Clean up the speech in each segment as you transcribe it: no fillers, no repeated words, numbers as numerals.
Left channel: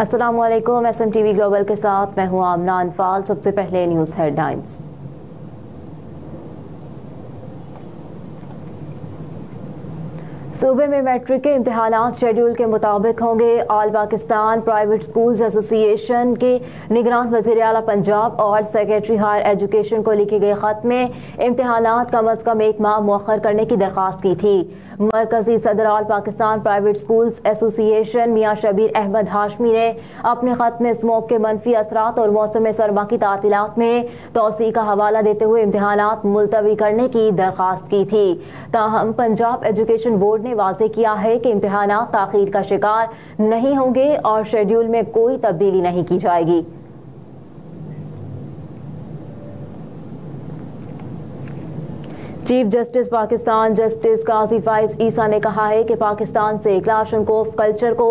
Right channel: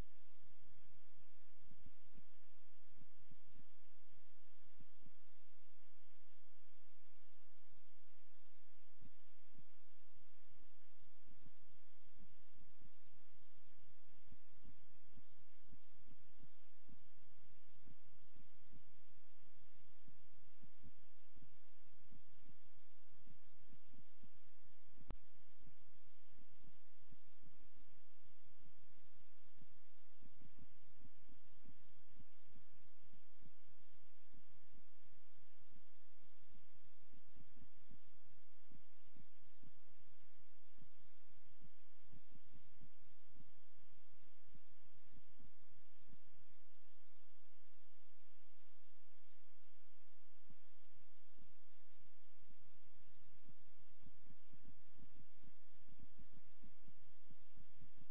अस्सलामुअलैकुम। SMTV global के साथ मैं हूं आमना अनफाल। सबसे पहले न्यूज़ हेडलाइंस। सूबे में मैट्रिक के इम्तिहानात शेड्यूल के मुताबिक होंगे। All Pakistan private schools association के निगरान वज़ीर आला पंजाब और सेक्रेटरी हायर एजुकेशन को लिखे गए खत में इम्तिहानात कम अज़ कम एक माह मुअख्खर करने की दरख्वास्त की थी। मरकजी सदर all Pakistan private schools association मियाँ शबीर अहमद हाशमी ने अपने खत में स्मोक के मनफी असरात और मौसम सरमा की तातीलात में तोसी का हवाला देते हुए इम्तिहानात मुलतवी करने की दरख्वास्त की थी। ताहम पंजाब एजुकेशन बोर्ड ने वाज़ेह किया है कि इम्तिहानात ताख़ीर का शिकार नहीं होंगे और शेड्यूल में कोई तब्दीली नहीं की जाएगी। चीफ जस्टिस पाकिस्तान जस्टिस काजी फाइज ईसा ने कहा है कि पाकिस्तान से क्लाशनकोफ कल्चर को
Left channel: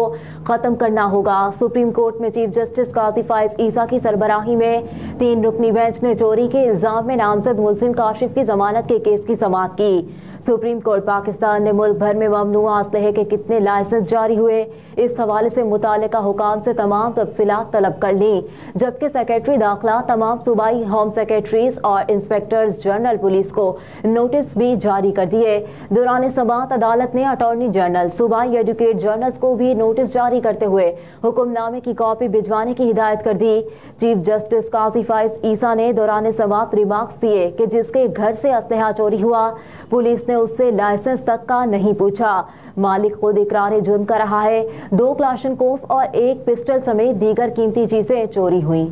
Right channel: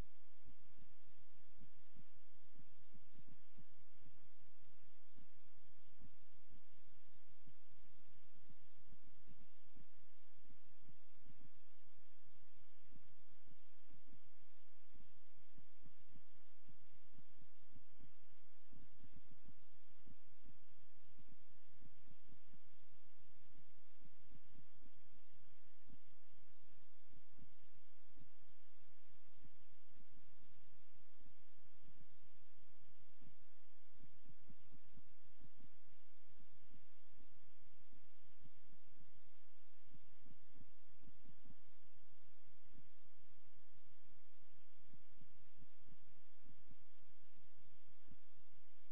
ख़त्म करना होगा। सुप्रीम कोर्ट में चीफ जस्टिस काजी फाइज ईसा की सरबराही में 3 रुकनी बेंच ने चोरी के इल्ज़ाम में नामजद मुलजिम काशिफ की जमानत के केस की समाअत की। सुप्रीम कोर्ट पाकिस्तान ने मुल्क भर में ममनुआ असलहे के कितने लाइसेंस जारी हुए, इस हवाले से मुतालिका हुकाम से तमाम तफसीलात तलब कर ली, जबकि सेक्रेटरी दाखिला तमाम सूबाई होम सेक्रेटरीज और इंस्पेक्टर्स जनरल पुलिस को नोटिस भी जारी कर दिए। दौरान समाअत अदालत ने अटॉर्नी जनरल सूबाई एजुकेट जर्नल्स को भी नोटिस जारी करते हुए हुक्मनामे की कॉपी भिजवाने की हिदायत कर दी। चीफ जस्टिस काजी फाइज ईसा ने दौरान समाअत रिमार्क्स दिए कि जिसके घर से असलहा चोरी हुआ, पुलिस ने उससे लाइसेंस तक का नहीं पूछा। मालिक खुद इकरार जुर्म कर रहा है। 2 क्लाशनकोफ और 1 पिस्टल समेत दीगर कीमती चीजें चोरी हुई।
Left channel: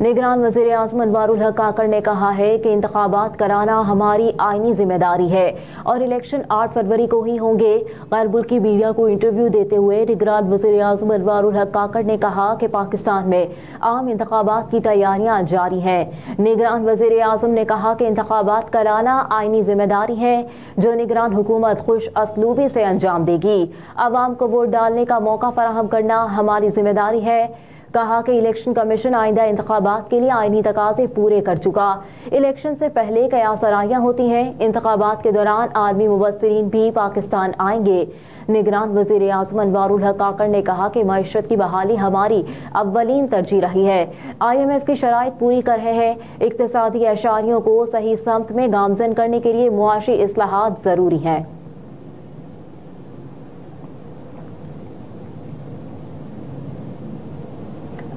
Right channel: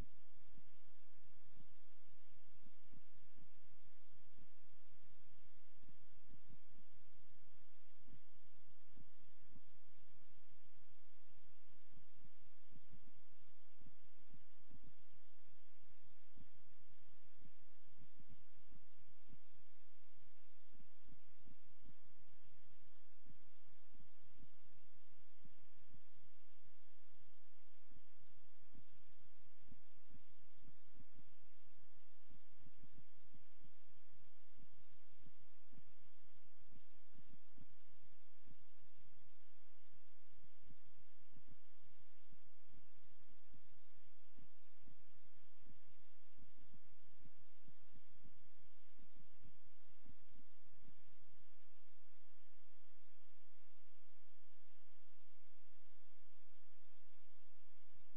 निगरान वज़ीर आज़म अनवारुल हक काकड़ ने कहा है कि इंतखाबात कराना हमारी आईनी जिम्मेदारी है और इलेक्शन 8 फरवरी को ही होंगे। गैर मुल्की मीडिया को इंटरव्यू देते हुए निगरान वज़ीर आज़म अनवारुल हक काकड़ ने कहा कि पाकिस्तान में आम इंतखाबात की तैयारियां जारी हैं। निगरान वज़ीर आज़म ने कहा कि इंतखाबात कराना आईनी जिम्मेदारी है जो निगरान हुकूमत खुश असलूबी से अंजाम देगी। आवाम को वोट डालने का मौका फराहम करना हमारी जिम्मेदारी है। कहा कि इलेक्शन कमीशन आइंदा इंतखाबात के लिए आईनी तकाज़े पूरे कर चुका। इलेक्शन से पहले कयास आराइयां होती हैं। इंतखाबात के दौरान आलमी मुबस्सिरीन भी पाकिस्तान आएंगे। निगरान वज़ीर आज़म अनवारुल हक काकड़ ने कहा कि मईशत की बहाली हमारी अव्वलीन तरजीह रही है। IMF की शराइत पूरी कर रहे हैं। इक्तिसादी एशारियों को सही समत में गामजन करने के लिए मुआशी इस्लाहात ज़रूरी हैं।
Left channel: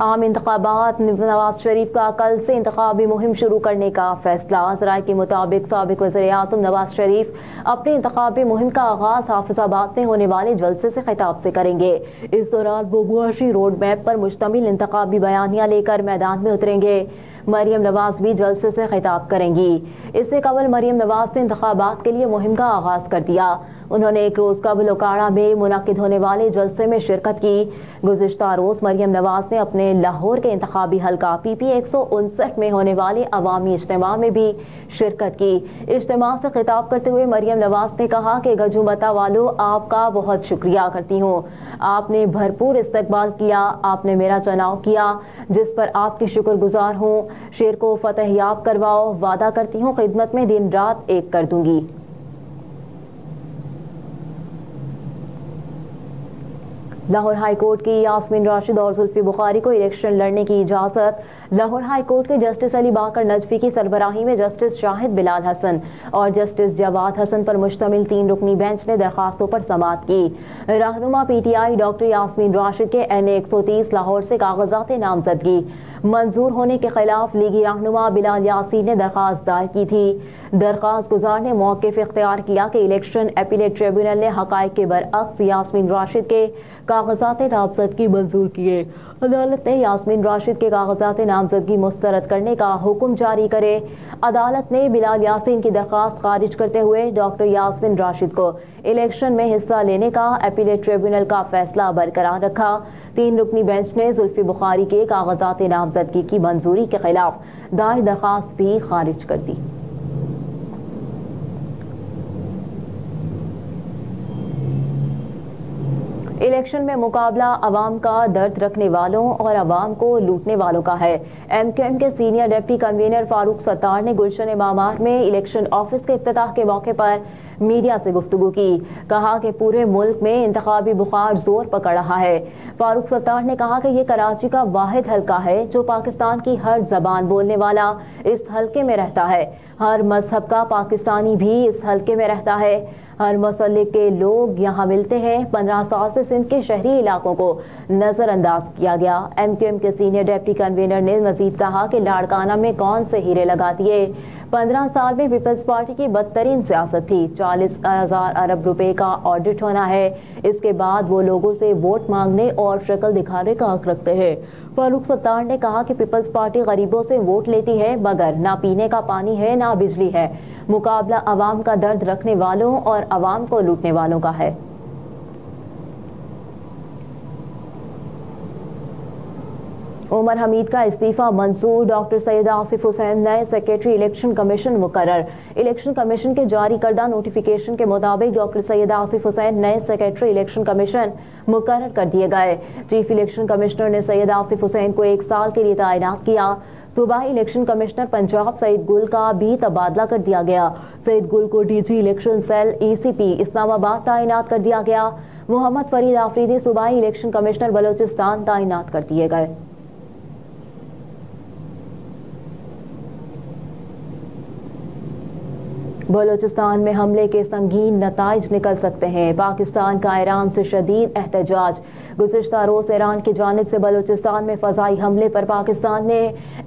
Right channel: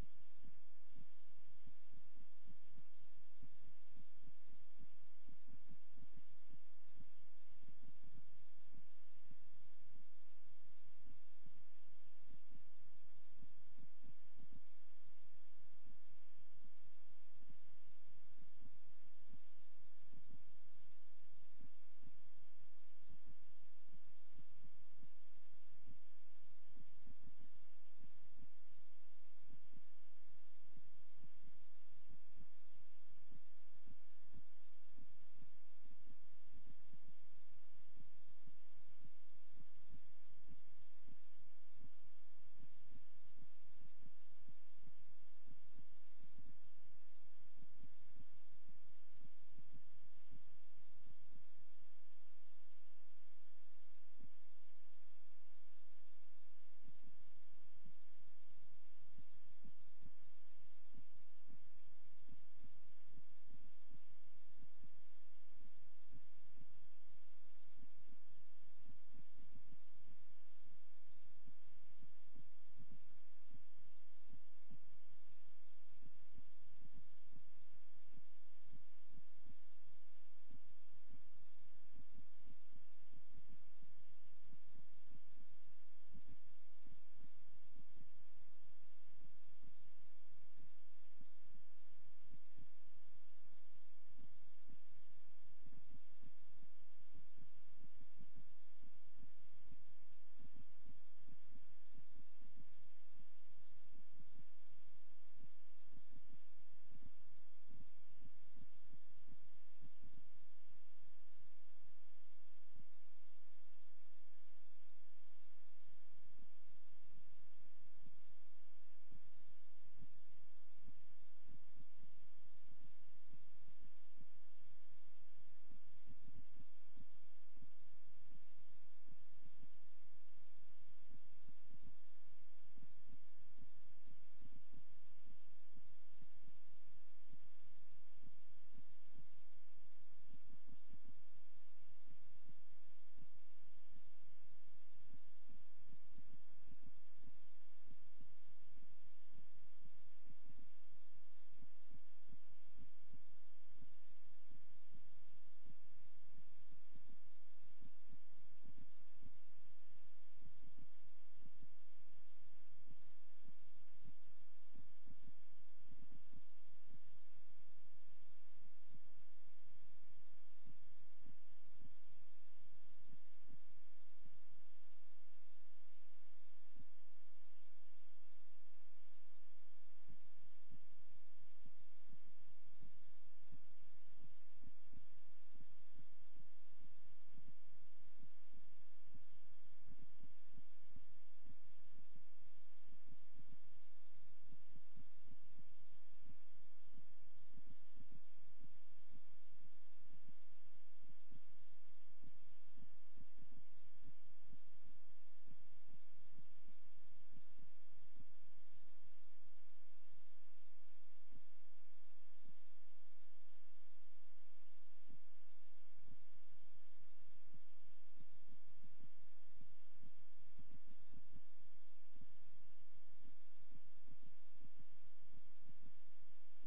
आम इंतखाबात नवाज शरीफ का कल से इंतखाबी मुहिम शुरू करने का फैसला। ज़राए के मुताबिक साबिक वज़ीर आज़म नवाज शरीफ अपनी इंतखाबी मुहिम का आगाज़ हाफिज़ाबाद में होने वाले जलसे से खिताब से करेंगे। इस दौरान वो मुआशी रोड मैप पर मुश्तमिल इंतखाबी बयानियाँ लेकर मैदान में उतरेंगे। मरियम नवाज भी जलसे से खिताब करेंगी। इससे कबल मरियम नवाज ने इंतखाबात के लिए मुहिम का आगाज़ कर दिया। उन्होंने एक रोज़ कबल ओकाड़ा में मुनाकिद होने वाले जलसे में शिरकत की। गुज़िश्ता रोज़ मरियम नवाज ने अपने लाहौर के इंतखाबी हल्का PP 159 में होने वाले अवामी इज्तिमा में भी शिरकत की। इज्तिमा से खिताब करते हुए मरियम नवाज ने कहा कि गजुमता वालों, आपका बहुत शुक्रिया करती हूँ। आपने भरपूर इस्तकबाल किया, आपने मेरा चुनाव किया, जिस पर आपकी शुक्रगुजार हूँ। शेर को फतह याब करवाओ, वादा करती हूँ खिदमत में दिन रात एक कर दूंगी। लाहौर हाई कोर्ट की यास्मीन राशिद और जुल्फी बुखारी को इलेक्शन लड़ने की इजाज़त। लाहौर हाई कोर्ट के जस्टिस अली बाकर नजफी की सरबराही में जस्टिस शाहिद बिलाल हसन और जस्टिस जवाद हसन पर मुश्तमिल 3 रुकनी बेंच ने दरखास्तों पर समाअत की। रहनुमा PTI डॉक्टर यास्मीन राशिद के NA 130 लाहौर से कागजात नामजदगी मंजूर होने के खिलाफ लीगी रहनुमा बिलाल यासीन ने दरखास्त दायर की थी। दरखास्त गुजार ने मौक़िफ़ इख्तियार किया कि इलेक्शन अपीलेट ट्रिब्यूनल ने हक़ाइक़ के बरअक्स यास्मीन राशिद के कागजात नामजदगी मंजूर किए। अदालत ने यास्मीन राशिद के कागजात नामजदगी मुस्तरद करने का हुक्म जारी करे। अदालत ने बिलाल यासीन की दरखास्त खारिज करते हुए डॉक्टर यास्मीन राशिद को इलेक्शन में हिस्सा लेने का अपीलेट ट्रिब्यूनल का फैसला बरकरार रखा। 3 रुकनी बेंच ने जुल्फी बुखारी के कागजात नामजदगी की मंजूरी के खिलाफ दायर दरखास्त भी खारिज कर दी। इलेक्शन में मुकाबला अवाम का दर्द रखने वालों और अवाम को लूटने वालों का है। MQM के senior deputy convener Farooq Sattar ने गुलशन मामार में इलेक्शन ऑफिस के इफ्तिताह के मौके पर मीडिया से गुफ्तगू की। कहा कि पूरे मुल्क में इंतखाबी बुखार जोर पकड़ रहा है। फारूक सत्तार ने कहा कि ये कराची का वाहिद हल्का है जो पाकिस्तान की हर जबान बोलने वाला इस हल्के में रहता है। हर मजहब का पाकिस्तानी भी इस हल्के में रहता है। हर मसले के लोग यहाँ मिलते हैं। 15 साल से सिंध के शहरी इलाकों को नजरअंदाज किया गया। MQM के सीनियर डिप्टी कन्वीनर ने मजीद कहा कि लाड़काना में कौन से हीरे लगा दिए। 15 साल में पीपल्स पार्टी की बदतरीन सियासत थी। 40,000 अरब रुपए का ऑडिट होना है। इसके बाद वो लोगों से वोट मांगने और शक्ल दिखाने का हक रखते हैं। फारूक सत्तार ने कहा कि पीपल्स पार्टी गरीबों से वोट लेती है मगर ना पीने का पानी है ना बिजली है। मुकाबला अवाम का दर्द रखने वालों और अवाम को लूटने वालों का है। उमर हमीद का इस्तीफा मंजूर। डॉक्टर सैयद आसिफ हुसैन नए सेक्रेटरी इलेक्शन कमीशन मुकर्रर। इलेक्शन कमीशन के जारी करदा नोटिफिकेशन के मुताबिक डॉक्टर सैयद आसिफ हुसैन नए सेक्रेटरी इलेक्शन कमीशन मुकर्रर कर दिए गए। चीफ इलेक्शन कमिश्नर ने सैयद आसिफ हुसैन को 1 साल के लिए तैनात किया। सूबाई इलेक्शन कमिश्नर पंजाब सईद गुल का भी तबादला कर दिया गया। सईद गुल को DG election cell ECP Islamabad तैनात कर दिया गया। मोहम्मद फरीद आफरीदी सूबाई इलेक्शन कमिश्नर बलोचिस्तान तैनात कर दिए गए। बलोचिस्तान में हमले के संगीन नताइज निकल सकते हैं। पाकिस्तान का ईरान से शदीद एहतजाज। गुज़िश्ता रोज़ ईरान की जानिब से बलोचिस्तान में फ़ज़ाई हमले पर पाकिस्तान ने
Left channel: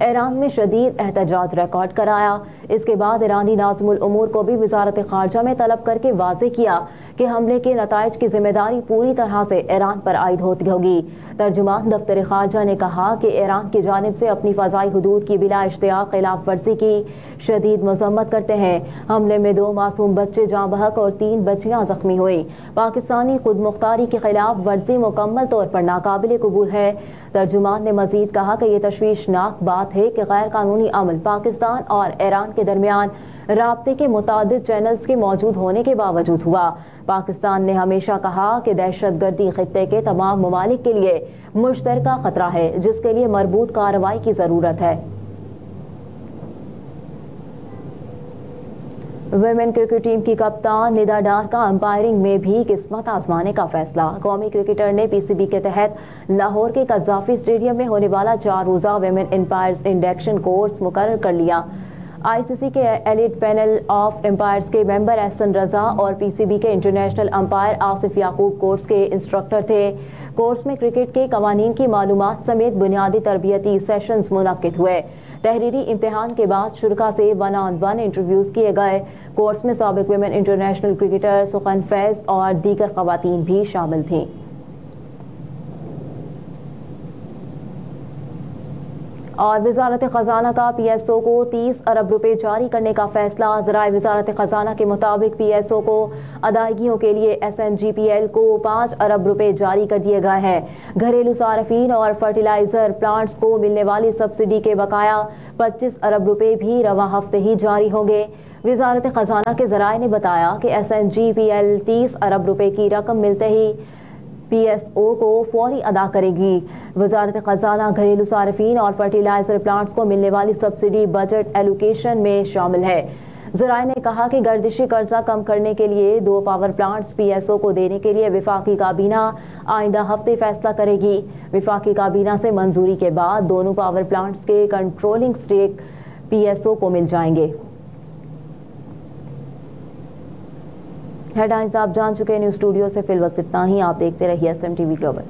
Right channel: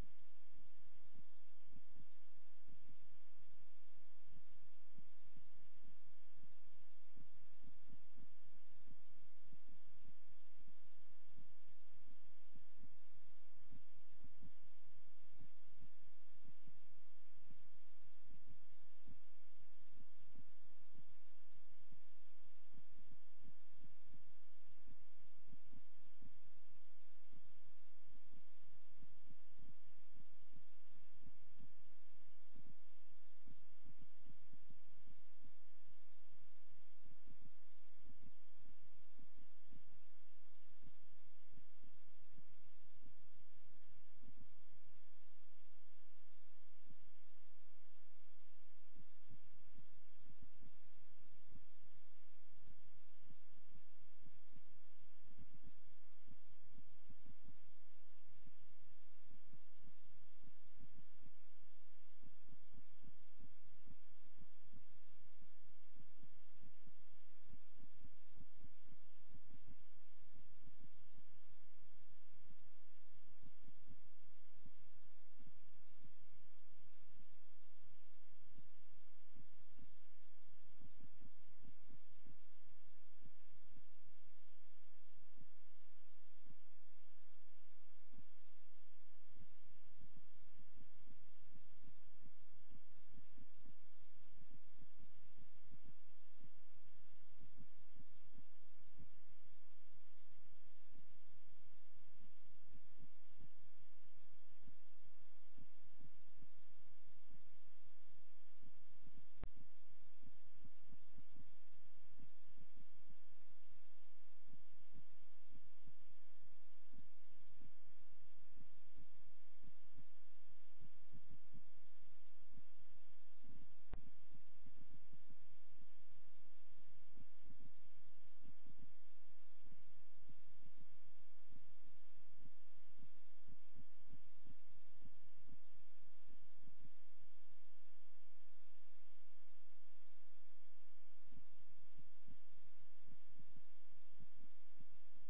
ईरान में शदीद एहतजाज रिकॉर्ड कराया। इसके बाद ईरानी नाज़िमुल उमूर को भी वज़ारत ख़ारजा में तलब करके वाज़े किया कि हमले के नताइज की जिम्मेदारी पूरी तरह से ईरान पर आयद होती होगी। तर्जुमान दफ्तर ख़ारजा ने कहा कि ईरान की जानिब से अपनी फ़ज़ाई हुदूद की बिला इश्तियाक़ खिलाफ वर्जी की शदीद मज़म्मत करते हैं। हमले में 2 मासूम बच्चे जाँ बहक और 3 बच्चियाँ जख्मी हुई। पाकिस्तानी खुद मुख्तारी के खिलाफ वर्जी मुकम्मल तौर पर नाकाबिल कबूल है। तर्जुमान ने मजीद कहा कि यह तशवीशनाक बात है कि गैर कानूनी अमल पाकिस्तान और ईरान के दरमियान राब्ते के मुतादिद चैनल्स के मौजूद होने के बावजूद हुआ। पाकिस्तान ने हमेशा कहा कि दहशतगर्दी खित्ते के तमाम ममालिक के लिए मुश्तरका खतरा है जिसके लिए मरबूत कार्रवाई की ज़रूरत है। वुमेन क्रिकेट टीम की कप्तान निदा डार का अंपायरिंग में भी किस्मत आजमाने का फैसला। कौमी क्रिकेटर ने PCB के तहत लाहौर के कज़ाफी स्टेडियम में होने वाला 4 रोज़ा वुमेन एम्पायर्स इंडक्शन कोर्स मुकर्रर कर लिया। ICC के एलिट पैनल ऑफ एम्पायर्स के मेंबर एहसन रजा और PCB के इंटरनेशनल अंपायर आसिफ याकूब कोर्स के इंस्ट्रक्टर थे। कोर्स में क्रिकेट के कवानीन की मालूमात समेत बुनियादी तरबियती सेशंस मुनक्किद हुए। तहरीरी इम्तिहान के बाद शुरा से 1-on-1 इंटरव्यूज़ किए गए। कोर्स में साबिक वुमेन इंटरनेशनल क्रिकेटर सुखन फैज़ और दीगर ख़वातीन भी शामिल थीं। और वज़ारत ख़ज़ाना का PSO को 30 अरब रुपए जारी करने का फैसला। ज़राए वज़ारत ख़ज़ाना के मुताबिक PSO को अदायगियों के लिए SNGPL को 5 अरब रुपए जारी कर दिए गए हैं। घरेलू सार्फिन और फर्टिलाइज़र प्लांट्स को मिलने वाली सब्सिडी के बकाया 25 अरब रुपए भी रवा हफ्ते ही जारी होंगे। वज़ारत ख़ज़ाना के ज़राए ने बताया कि SNGPL 30 अरब रुपए की रकम मिलते ही PSO को फौरी अदा करेगी। वज़ारत ख़ज़ाना घरेलू सार्फिन और फर्टिलाइज़र प्लांट्स को मिलने वाली सब्सिडी बजट एलोकेशन में शामिल है। ज़राए ने कहा कि गर्दिशी कर्जा कम करने के लिए 2 पावर प्लांट्स PSO को देने के लिए विफाकी काबीना आइंदा हफ्ते फैसला करेगी। विफाकी काबीना से मंजूरी के बाद दोनों पावर प्लांट्स के कंट्रोलिंग स्टेक PSO को मिल जाएंगे। हेडलाइंस आप जान चुके हैं। न्यूज़ स्टूडियो से फिल वक्त इतना ही। आप देखते रहिए SMTV ग्लोबल।